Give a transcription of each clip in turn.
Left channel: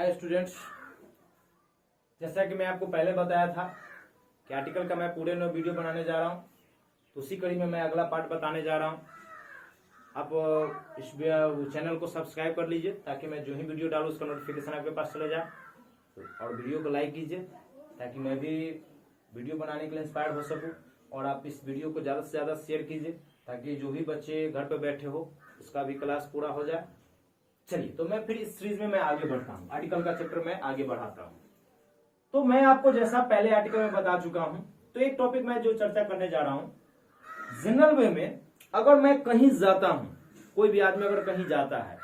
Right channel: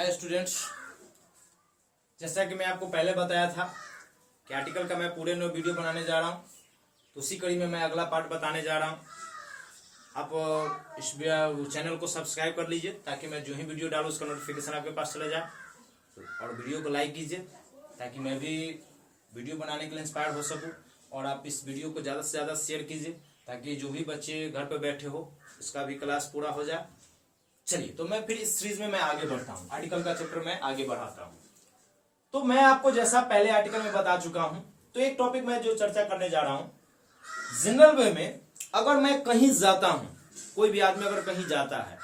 Hi students, जैसा कि मैं आपको पहले बताया था कि आर्टिकल का मैं पूरे नए वीडियो बनाने जा रहा हूं, तो उसी कड़ी में मैं अगला पार्ट बताने जा रहा हूं। आप इस चैनल को सब्सक्राइब कर लीजिए ताकि मैं जो ही वीडियो डालूँ उसका नोटिफिकेशन आपके पास चले जाए, और वीडियो को लाइक कीजिए ताकि मैं भी वीडियो बनाने के लिए इंस्पायर हो सकूँ। और आप इस वीडियो को ज़्यादा से ज़्यादा शेयर कीजिए ताकि जो भी बच्चे घर पर बैठे हो उसका भी क्लास पूरा हो जाए। चलिए, तो मैं फिर इस सीरीज में मैं आगे बढ़ता हूँ, आर्टिकल का चैप्टर में आगे बढ़ाता हूँ। तो मैं आपको जैसा पहले आर्टिकल में बता चुका हूँ, तो एक टॉपिक मैं जो चर्चा करने जा रहा हूँ, जनरल वे में अगर मैं कहीं जाता हूँ, कोई भी आदमी अगर कहीं जाता है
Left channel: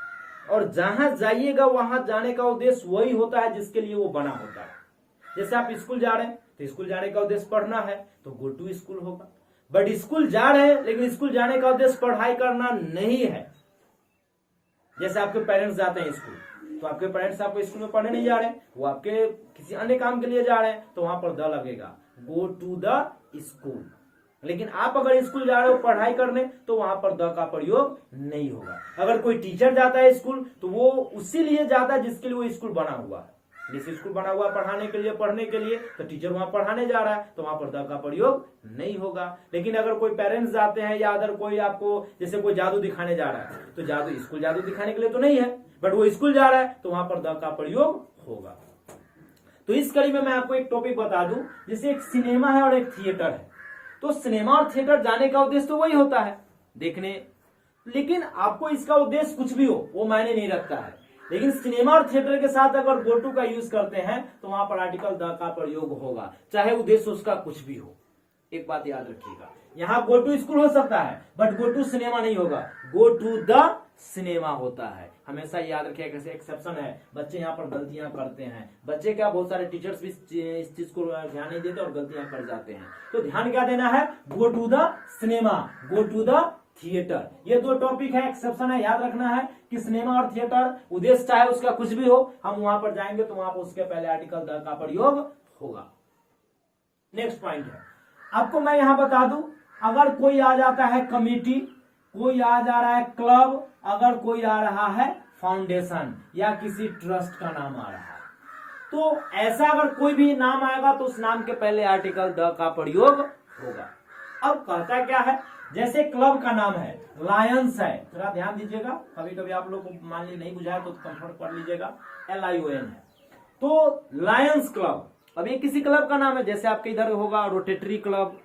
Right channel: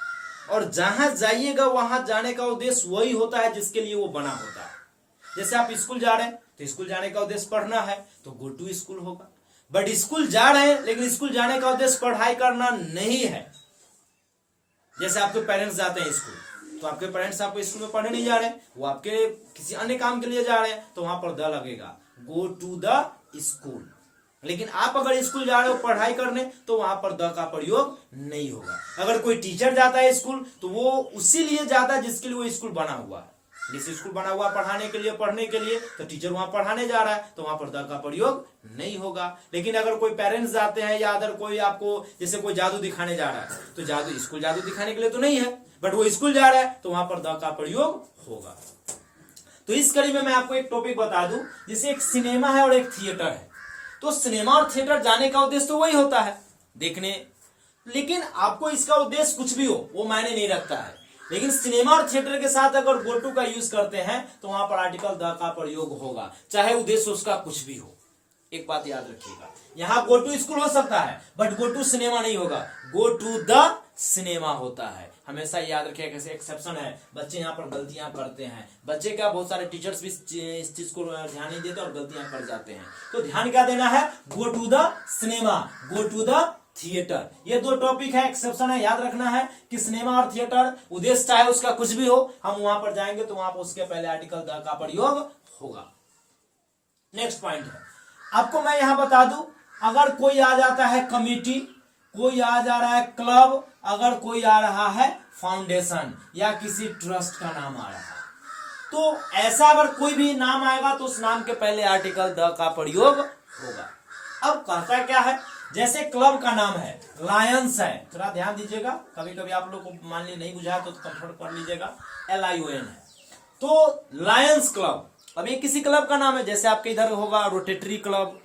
और जहां जाइएगा वहां जाने का उद्देश्य वही होता है जिसके लिए वो बना होता है। जैसे आप स्कूल जा रहे हैं तो स्कूल जाने का उद्देश्य पढ़ना है तो गो टू स्कूल होगा, बट स्कूल जा रहे हैं लेकिन स्कूल जाने का उद्देश्य पढ़ाई करना नहीं है। जैसे आपके पेरेंट्स जाते हैं स्कूल, तो आपके पेरेंट्स आपको स्कूल में पढ़ने नहीं जा रहे हैं, वो आपके किसी अन्य काम के लिए जा रहे हैं, तो वहां पर द लगेगा, गो टू द स्कूल। लेकिन आप अगर स्कूल जा रहे हो पढ़ाई करने तो वहां पर द का प्रयोग नहीं होगा। अगर कोई टीचर जाता है स्कूल तो वो उसी लिए जाता है जिसके लिए वो स्कूल बना हुआ है। जिस स्कूल बना हुआ पढ़ाने के लिए, पढ़ने के लिए, तो टीचर वहां पढ़ाने जा रहा है तो वहां पर द का प्रयोग नहीं होगा। लेकिन अगर कोई पेरेंट्स जाते हैं या अगर कोई आपको जैसे कोई जादू दिखाने जा रहा है तो जादू स्कूल जादू दिखाने के लिए तो नहीं है, बट वो स्कूल जा रहा है तो वहां पर द का प्रयोग होगा। तो इस कड़ी में मैं आपको एक टॉपिक बता दूं, जैसे एक सिनेमा है और एक थिएटर है। तो सिनेमा और थिएटर जाने का उद्देश्य तो वही होता है, देखने, लेकिन आपको इसका उद्देश्य कुछ भी हो वो मायने नहीं रखता है। लेकिन सिनेमा और थिएटर के साथ अगर गो टू का यूज करते हैं तो वहां पर आर्टिकल द का प्रयोग होगा, चाहे उद्देश्य उसका कुछ भी हो। एक बात याद रखिएगा, यहाँ गो टू स्कूल हो सकता है बट गो टू सिनेमा नहीं होगा, गो टू द सिनेमा होता है। हमेशा याद रखिएगा, कैसे एक्सेप्शन है, बच्चे यहाँ पर गलतियां करते हैं। बच्चे क्या, बहुत सारे टीचर्स भी इस चीज को ध्यान नहीं देते और गलतियां कर जाते हैं। तो ध्यान क्या देना है, go to the cinema, go to the theatre. ये दो टॉपिक है, एक्सेप्शन है, याद रखना है कि सिनेमा और थिएटर उद्देश्य चाहे उसका कुछ भी हो, हम वहां पर जाएंगे तो वहां पर उसके पहले आर्टिकल द का प्रयोग होगा। नेक्स्ट पॉइंट है, आपको मैं यहां बता दूं, अगर कोई आ जाता है कमिटी, कोई आ जा रहा है क्लब, अगर कोई आ रहा है फाउंडेशन या किसी ट्रस्ट का नाम आ रहा है, तो ऐसा अगर कोई भी नाम आएगा तो उस नाम के पहले आर्टिकल द का प्रयोग होगा। अब कहता क्या है, जैसे क्लब का नाम है लायंस है, थोड़ा ध्यान दीजिएगा, कभी कभी आप लोग को मान ली नहीं बुझाया तो कंफर्ट कर लीजिएगा, LION है। तो लायंस क्लब, अब ये किसी क्लब का नाम है, जैसे आपके इधर होगा rotary club,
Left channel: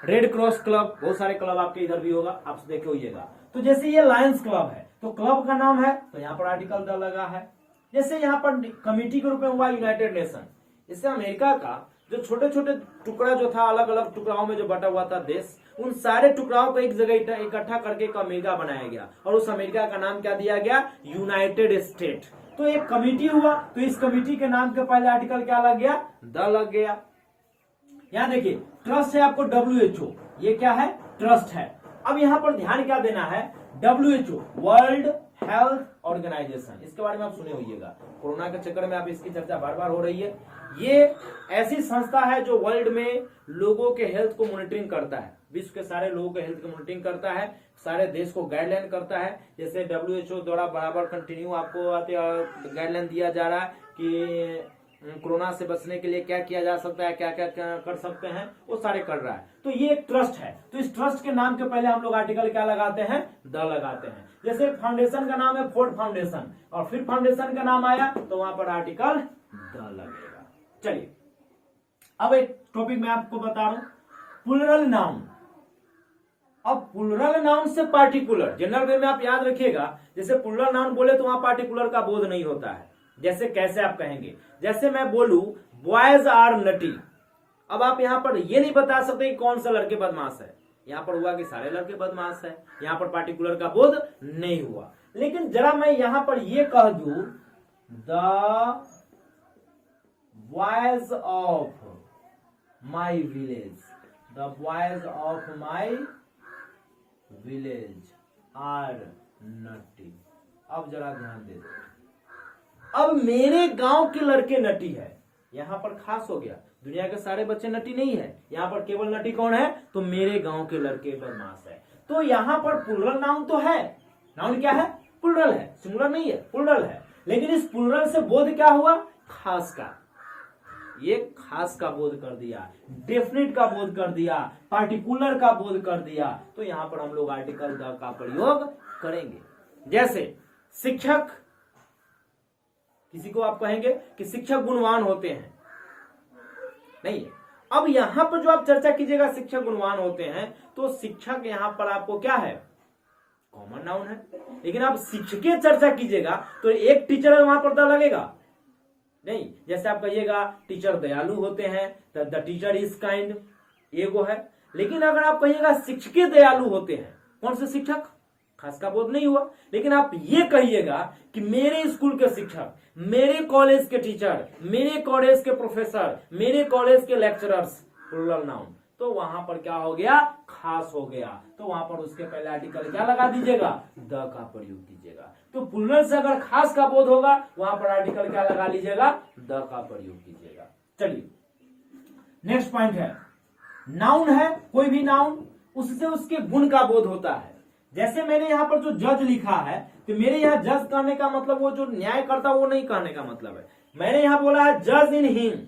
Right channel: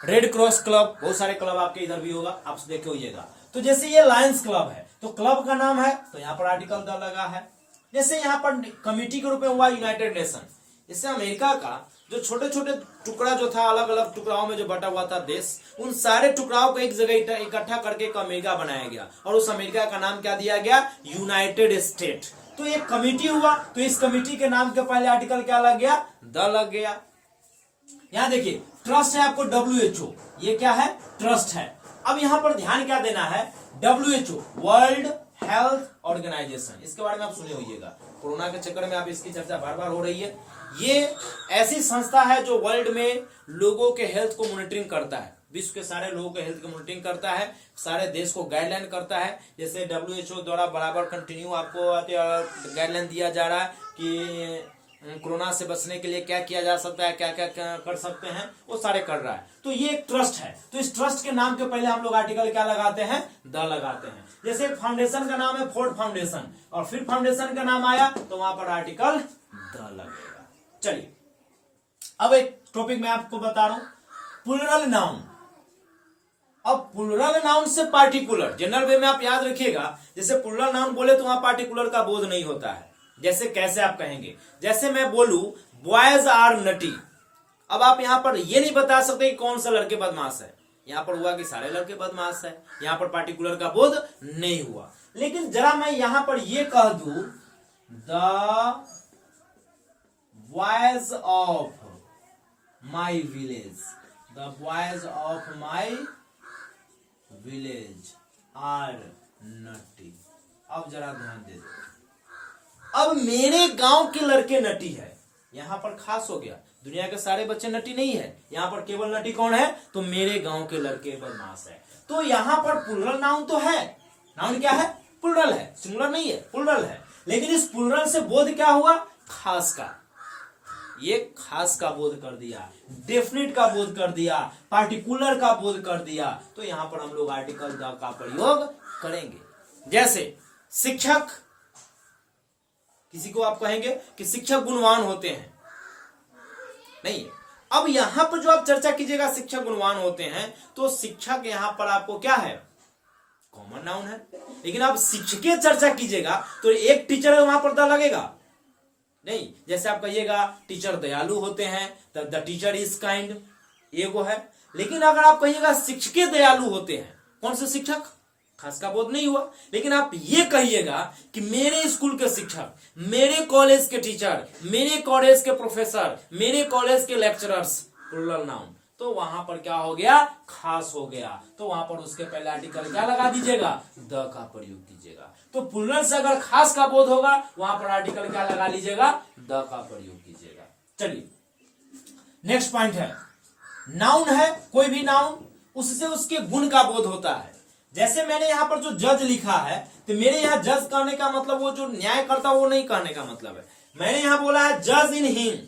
red cross club, बहुत सारे क्लब आपके इधर भी होगा, आप देखे होइएगा। तो जैसे ये लायंस क्लब है तो क्लब का नाम है तो यहाँ पर आर्टिकल द लगा है। जैसे यहाँ पर कमिटी के रूप में हुआ यूनाइटेड नेशन, इससे अमेरिका का जो छोटे छोटे टुकड़ा जो था, अलग अलग टुकड़ाओं में जो बटा हुआ था देश, उन सारे टुकड़ाओं को एक जगह इकट्ठा करके एक अमेरिका बनाया गया और उस अमेरिका का नाम क्या दिया गया, यूनाइटेड स्टेट। तो एक कमिटी हुआ तो इस कमिटी के नाम के पहले आर्टिकल क्या लग गया, द लग गया। यहां देखिए ट्रस्ट है आपको WHO, ये क्या है, ट्रस्ट है। अब यहां पर ध्यान क्या देना है, WHO वर्ल्ड हेल्थ ऑर्गेनाइजेशन, इसके बारे में आप सुने होइएगा, कोरोना के चक्कर में आप इसकी चर्चा बार बार हो रही है। ये ऐसी संस्था है जो वर्ल्ड में लोगों के हेल्थ को मॉनिटरिंग करता है, विश्व के सारे लोगों के हेल्थ को मॉनिटरिंग करता है, सारे देश को गाइडलाइन करता है। जैसे WHO द्वारा बराबर कंटिन्यू आपको गाइडलाइन दिया जा रहा है कि कोरोना से बचने के लिए क्या किया जा सकता है, क्या क्या कर सकते हैं, वो सारे कर रहा है। तो ये एक ट्रस्ट है, तो इस ट्रस्ट के नाम के पहले हम लोग आर्टिकल क्या लगाते हैं, द लगाते हैं। जैसे फाउंडेशन का नाम है फोर्ड फाउंडेशन, और फिर फाउंडेशन का नाम आया तो वहां पर आर्टिकल द लगेगा। चलिए, अब एक टॉपिक मैं आपको बता रहा हूं, प्लूरल नाउन। अब प्लूरल नाउन से पार्टिकुलर, जनरल वे में आप याद रखिएगा, जैसे प्लूरल नाउन बोले तो वहां पार्टिकुलर का बोध नहीं होता है। जैसे कैसे आप कहेंगे, जैसे मैं बोलूं बॉयज आर नटी, अब आप यहां पर ये नहीं बता सकते कि कौन सा लड़के बदमाश है, यहां पर हुआ कि सारे लड़के बदमाश है, यहां पर पार्टिकुलर का बोध नहीं हुआ। लेकिन जरा मैं यहां पर ये कह दूं, the boys of my village, the boys of my village are nutty. अब जरा ध्यान दे दो, अब मेरे गांव के लड़के नटी है, यहां पर खास हो गया, दुनिया के सारे बच्चे नटी नहीं है, यहां पर केवल नटी कौन है, तो मेरे गांव के लड़के बदमाश है। तो यहां पर प्लूरल नाउन तो है, नाउन क्या है, प्लूरल है, सिंगुलर नहीं है, प्लूरल है। लेकिन इस प्लूरल से बोध क्या हुआ, खास का, ये खास का बोध कर दिया, डेफिनिट का बोध कर दिया, पार्टिकुलर का बोध कर दिया। तो यहां पर हम लोग आर्टिकल द का प्रयोग करेंगे। जैसे शिक्षक, किसी को आप कहेंगे कि शिक्षक गुणवान होते हैं, नहीं। अब यहां पर जो आप चर्चा कीजिएगा शिक्षक गुणवान होते हैं, तो शिक्षक यहां पर आपको क्या है, कॉमन नाउन है। लेकिन आप शिक्षक चर्चा कीजिएगा तो एक टीचर वहां पर द लगेगा नहीं। जैसे आप कहिएगा टीचर दयालु होते हैं, तो द टीचर इज काइंड, ये वो है। लेकिन अगर आप कहिएगा शिक्षक दयालु होते हैं, कौन से शिक्षक, खास का बोध नहीं हुआ। लेकिन आप ये कहिएगा कि मेरे स्कूल के शिक्षक, मेरे कॉलेज के टीचर, मेरे कॉलेज के प्रोफेसर, मेरे कॉलेज के लेक्चरर्स, प्लूरल नाउन, तो वहां पर क्या हो गया, खास हो गया। तो वहां पर उसके पहले आर्टिकल क्या लगा दीजिएगा, द का प्रयोग कीजिएगा। तो प्लूरल से अगर खास का बोध होगा, वहां पर आर्टिकल क्या लगा लीजिएगा, द का प्रयोग कीजिएगा। चलिए नेक्स्ट पॉइंट है, नाउन है, कोई भी नाउन, उससे उसके गुण का बोध होता है। जैसे मैंने यहां पर जो जज लिखा है, तो मेरे यहां जज करने का मतलब वो जो न्याय करता वो नहीं करने का मतलब है। मैंने यहां बोला है जज इन हिम,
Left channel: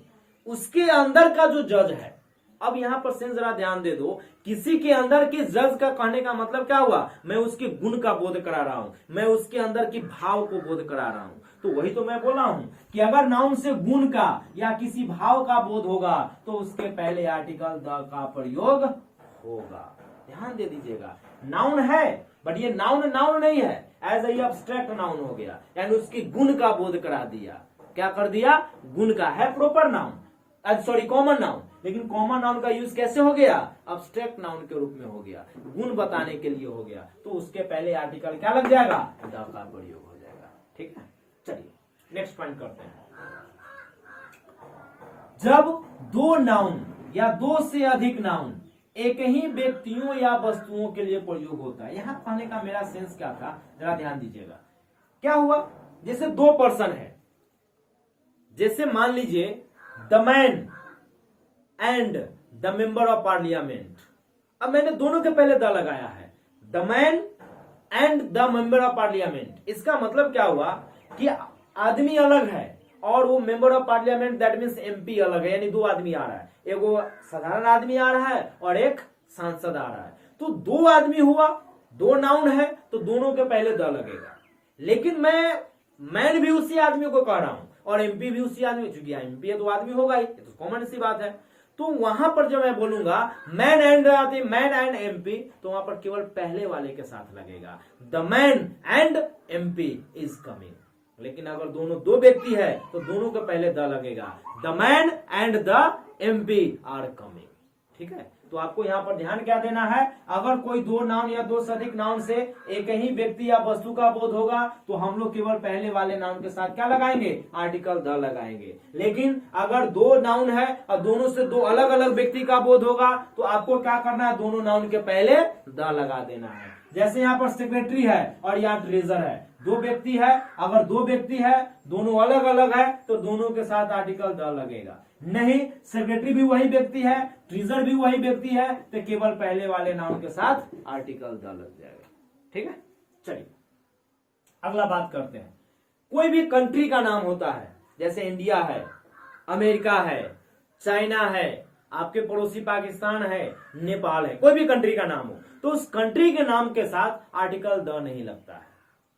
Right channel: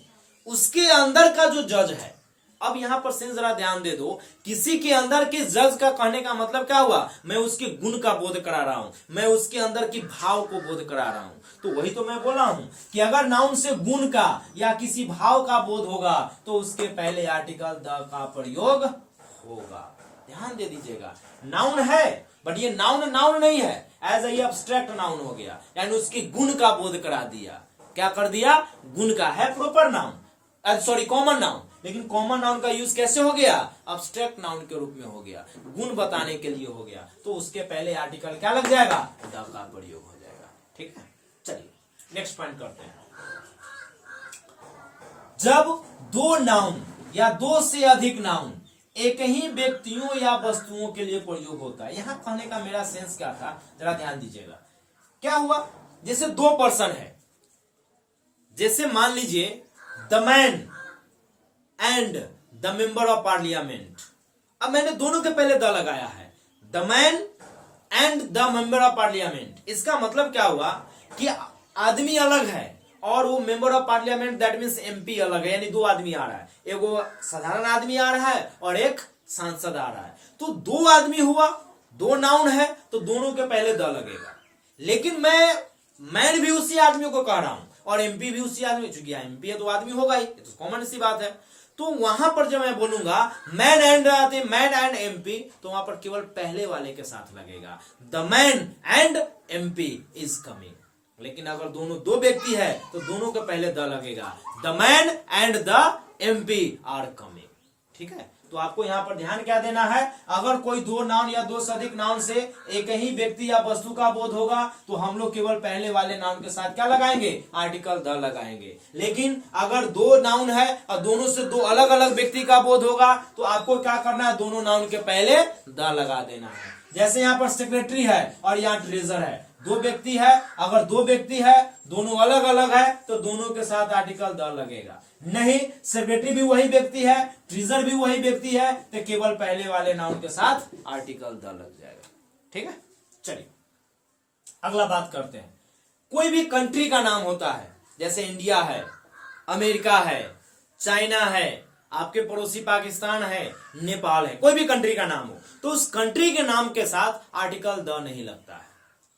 उसके अंदर का जो जज है। अब यहां पर से जरा ध्यान दे दो, किसी के अंदर के जज का कहने का मतलब क्या हुआ, मैं उसके गुण का बोध करा रहा हूं, मैं उसके अंदर की भाव को बोध करा रहा हूं। तो वही तो मैं बोला हूं कि अगर नाउन से गुण का या किसी भाव का बोध होगा, तो उसके पहले आर्टिकल द का प्रयोग होगा। ध्यान दे दीजिएगा, नाउन है बट ये नाउन नाउन नहीं है, एज ए एब्स्ट्रैक्ट नाउन हो गया, यानी उसके गुण का बोध करा दिया। क्या कर दिया, गुण का है proper noun, sorry common noun. लेकिन कॉमन नाउन का यूज कैसे हो गया, एब्स्ट्रैक्ट नाउन के रूप में हो गया, गुण बताने के लिए हो गया। तो उसके पहले आर्टिकल क्या लग जाएगा, द का प्रयोग हो जाएगा। ठीक है, चलिए नेक्स्ट पॉइंट करते हैं। जब दो नाउन या दो से अधिक नाउन एक ही व्यक्तियों या वस्तुओं के लिए प्रयोग होता है। यहां कहने का मेरा सेंस क्या था, जरा ध्यान दीजिएगा। क्या हुआ, जैसे दो पर्सन है, जैसे मान लीजिए the man and the member of parliament. अब मैंने दोनों के पहले द लगाया है, the man and the member of parliament. इसका मतलब क्या हुआ कि आदमी अलग है और वो member of parliament, that means MP अलग है, यानी दो आदमी आ रहा है, एक वो साधारण आदमी आ रहा है और एक सांसद आ रहा है। तो दो आदमी हुआ, दो नाउन है, तो दोनों के पहले द लगेगा। लेकिन मैन भी उसी आदमी को कह रहा हूं और एमपी भी उसी आदमी, चूंकि एमपी है तो आदमी होगा ही, तो कॉमन सी बात है। तो वहां पर जब मैं बोलूंगा मैन एंड एमपी, तो वहां पर केवल पहले वाले के साथ लगेगा, the man and MP is coming. लेकिन अगर दोनों दो व्यक्ति है तो दोनों के पहले द लगेगा, the man and the MP are coming. ठीक है, तो आपको यहां पर ध्यान क्या देना है, अगर कोई दो नाउन या दो से अधिक नाउन से एक ही व्यक्ति या वस्तु का बोध होगा, तो हम लोग केवल पहले वाले नाउन के साथ क्या लगाएंगे, आर्टिकल द लगाएंगे। लेकिन अगर दो नाउन है और दोनों से दो अलग अलग व्यक्ति का बोध होगा, तो आपको क्या करना है, दोनों नाउन के पहले द लगा देना है। जैसे यहाँ पर सेक्रेटरी है और यहाँ ट्रेजर है, दो व्यक्ति है, अगर दो व्यक्ति है दोनों अलग अलग है, तो दोनों के साथ आर्टिकल द लगेगा। नहीं, सेक्रेटरी भी वही व्यक्ति है, ट्रेजर भी वही व्यक्ति है, तो केवल पहले वाले नाउन के साथ आर्टिकल द लग जाएगा। ठीक है, चलिए अगला बात करते हैं। कोई भी कंट्री का नाम होता है, जैसे इंडिया है, अमेरिका है, चाइना है, आपके पड़ोसी पाकिस्तान है, नेपाल है, कोई भी कंट्री का नाम हो, तो उस कंट्री के नाम के साथ आर्टिकल द नहीं लगता है।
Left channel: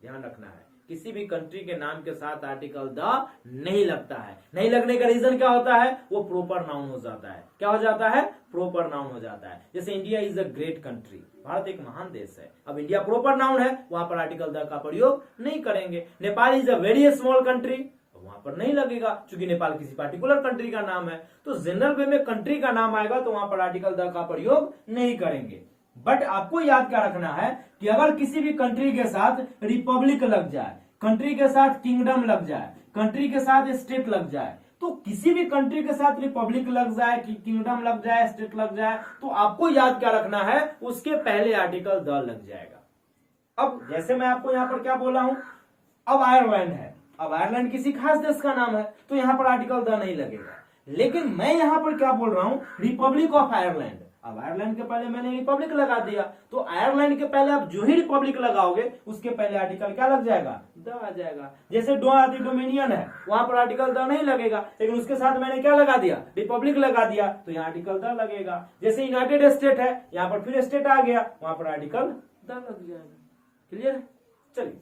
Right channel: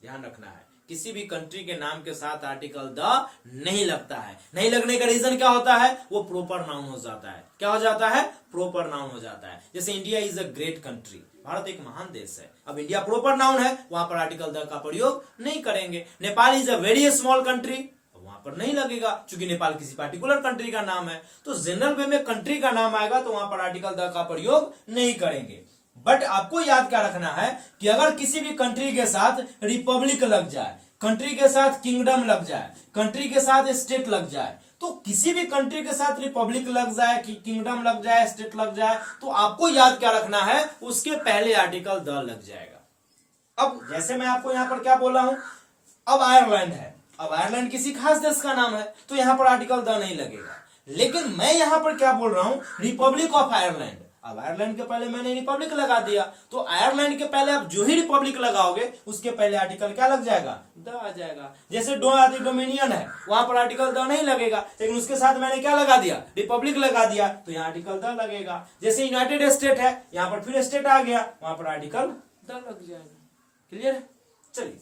ध्यान रखना है, किसी भी कंट्री के नाम के साथ आर्टिकल द नहीं लगता है। नहीं लगने का रीजन क्या होता है, वो प्रॉपर नाउन हो जाता है। क्या हो जाता है, प्रॉपर नाउन हो जाता है। जैसे India is a great country, Bharat एक महान देश है, अब इंडिया प्रॉपर नाउन है, वहां पर आर्टिकल द का प्रयोग नहीं करेंगे। Nepal is a very small country, वहां पर नहीं लगेगा, क्योंकि नेपाल किसी पार्टिकुलर कंट्री का नाम है। तो जनरल वे में कंट्री का नाम आएगा तो वहां पर आर्टिकल द का प्रयोग नहीं करेंगे। बट आपको याद क्या रखना है कि अगर किसी भी कंट्री के साथ रिपब्लिक लग जाए, कंट्री के साथ किंगडम लग जाए, कंट्री के साथ स्टेट लग जाए, तो किसी भी कंट्री के साथ रिपब्लिक लग जाए, किंगडम लग जाए, स्टेट लग जाए, तो आपको याद क्या रखना है, उसके पहले आर्टिकल द लग जाएगा। अब जैसे मैं आपको यहां पर क्या बोला हूं, अब आयरलैंड है, अब आयरलैंड किसी खास देश का नाम है, तो यहां पर आर्टिकल द नहीं लगेगा। लेकिन मैं यहां पर क्या बोल रहा हूं, रिपब्लिक ऑफ आयरलैंड। अब आयरलैंड के पहले मैंने रिपब्लिक लगा दिया, तो आयरलैंड के पहले आप जो ही रिपब्लिक लगाओगे उसके पहले आर्टिकल क्या लग जाएगा, द आ जाएगा। जैसे डो आदि डोमिनियन है, वहां पर आर्टिकल द नहीं लगेगा, लेकिन उसके साथ मैंने क्या लगा दिया, रिपब्लिक लगा दिया, तो यहाँ आर्टिकल द लगेगा। जैसे यूनाइटेड स्टेट है, यहाँ पर फिर स्टेट आ गया, वहां पर आर्टिकल द लग जाएगा। क्लियर है? चलिए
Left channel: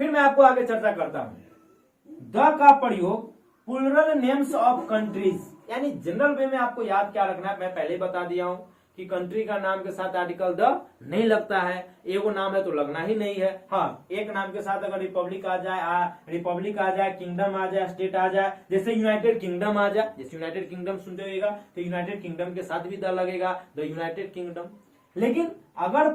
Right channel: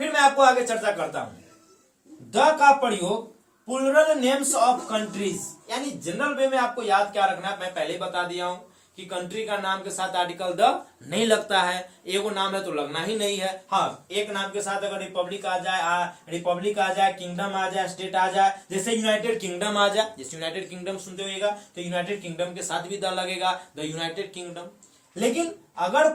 फिर मैं आपको आगे चर्चा करता हूं। द का प्रयोग प्लूरल नेम्स ऑफ कंट्रीज, यानी जनरल वे में आपको याद क्या रखना है, मैं पहले बता दिया हूं कि कंट्री का नाम के साथ आर्टिकल द नहीं लगता है, एगो नाम है तो लगना ही नहीं है। हाँ, एक नाम के साथ अगर रिपब्लिक आ जाए, किंगडम आ जाए, स्टेट आ जाए, जैसे यूनाइटेड किंगडम आ जाए, जैसे यूनाइटेड किंगडम सुनते होइएगा तो यूनाइटेड किंगडम के साथ भी द लगेगा, द यूनाइटेड किंगडम। लेकिन अगर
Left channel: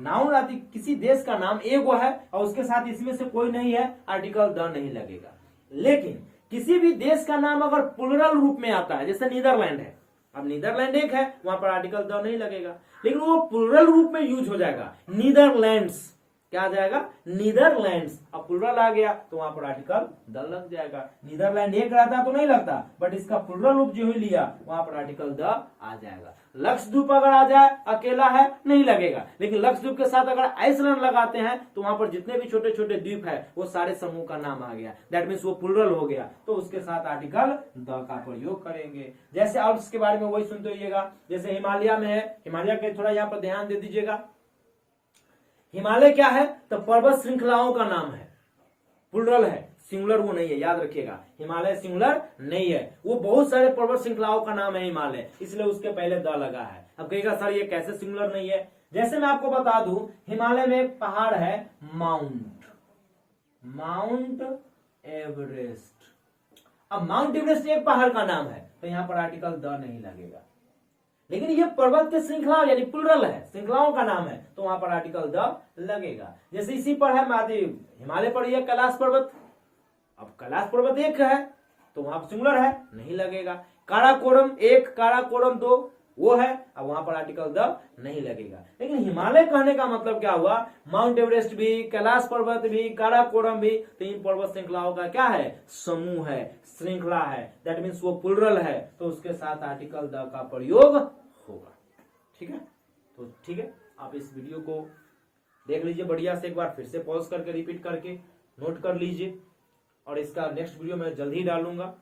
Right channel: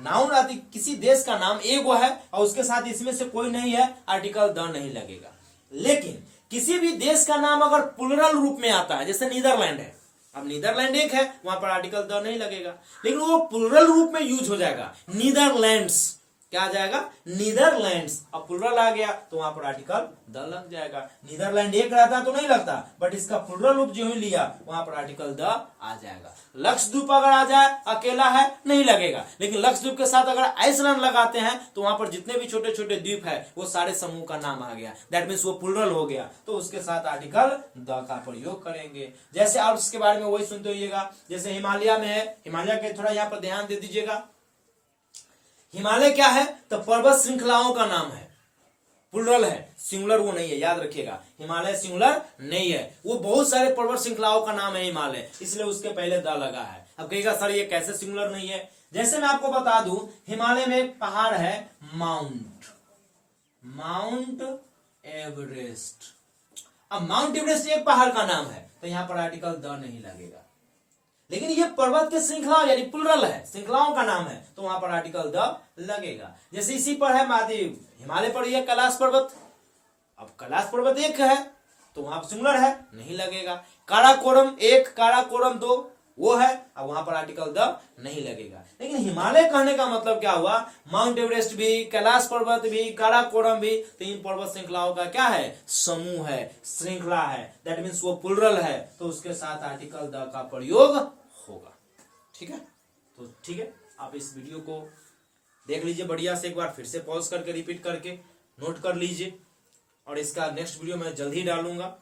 नाउन आदि किसी देश का नाम एगो है और उसके साथ इसमें से कोई नहीं है, आर्टिकल द नहीं लगेगा। लेकिन किसी भी देश का नाम अगर प्लूरल रूप में आता है, जैसे नीदरलैंड है, अब नीदरलैंड एक है, वहां पर आर्टिकल द नहीं लगेगा, लेकिन वो प्लूरल रूप में यूज हो जाएगा, नीदरलैंड्स, क्या आ जाएगा, नीदरलैंड्स। अब प्लूरल आ गया तो वहां पर आर्टिकल द लग जाएगा। नीदरलैंड एक रहता तो नहीं लगता, बट इसका प्लूरल रूप जो ही लिया वहां पर आर्टिकल द आ जाएगा। लक्षद्वीप अगर आ जाए अकेला है नहीं लगेगा, लेकिन लक्षद्वीप के साथ अगर आइसलैंड लगाते हैं तो वहां पर जितने भी छोटे छोटे द्वीप है वो सारे समूह का नाम आ गया, दैट मीन्स वो प्लूरल हो गया, तो उसके साथ आर्टिकल द का प्रयोग करेंगे। जैसे आल्प्स के बारे में वही सुनते होइएगा, जैसे हिमालय में है, हिमालय के थोड़ा यहाँ पर ध्यान दे दीजिएगा। हिमालय क्या है, तो पर्वत श्रृंखलाओं का नाम है, प्लूरल है, सिंगुलर वो नहीं है, याद रखिएगा, हिमालय सिंगुलर नहीं है, वो बहुत सारे पर्वत श्रृंखलाओं का नाम है हिमालय, इसलिए उसके पहले द लगा है। अब कहेगा सर ये कैसे सिंगुलर नहीं है, जैसे मैं आपको बता दूं, हिमालय में एक पहाड़ है माउंट एवरेस्ट। अब माउंट एवरेस्ट एक पहाड़ का नाम है, तो यहां पर आर्टिकल द नहीं लगेगा, लेकिन ये पर्वत की श्रृंखला यानी प्लूरल है, श्रृंखलाओं का नाम है, तो वहां पर आर्टिकल द लगेगा। जैसे इसी पर है महादेव, हिमालय पर यह कैलाश पर्वत, अब कैलाश पर्वत एक है तो वहां पर सिंगुलर है, नहीं लगेगा। काराकोरम एक, काराकोरम दो, वो है, अब वहां पर आर्टिकल द नहीं लगेगा। लेकिन हिमालय कहने का मतलब क्या हुआ, माउंट एवरेस्ट भी, कैलाश पर्वत भी, काराकोरम भी, तो इन पर्वत श्रृंखलाओं का क्या है, समूह है, श्रृंखला है, दैट मीन्स वो प्लूरल है, तो उसके साथ आर्टिकल द का प्रयोग होगा। ठीक है, तो ठीक है, आप इस वीडियो को देख लीजिए बढ़िया से, एक बार फिर से पॉज करके रिपीट करके नोट कर लीजिए, और इसका नेक्स्ट वीडियो मैं जल्द ही डालूंगा।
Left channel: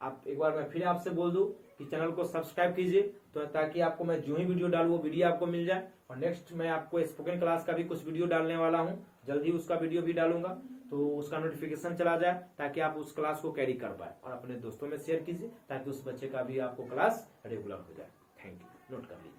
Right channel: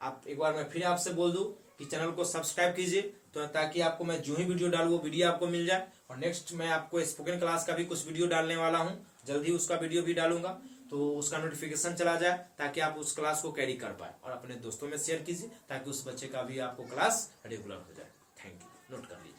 आप एक बार मैं फिर आपसे बोल दूं कि चैनल को सब्सक्राइब कीजिए, तो ताकि आपको मैं जो ही वीडियो डालूं वो वीडियो आपको मिल जाए। और नेक्स्ट मैं आपको स्पोकन क्लास का भी कुछ वीडियो डालने वाला हूं, जल्द ही उसका वीडियो भी डालूंगा, तो उसका नोटिफिकेशन चला जाए ताकि आप उस क्लास को कैरी कर पाए, और अपने दोस्तों में शेयर कीजिए ताकि उस बच्चे का भी आपको क्लास रेगुलर हो जाए। थैंक यू, नोट कर लीजिए।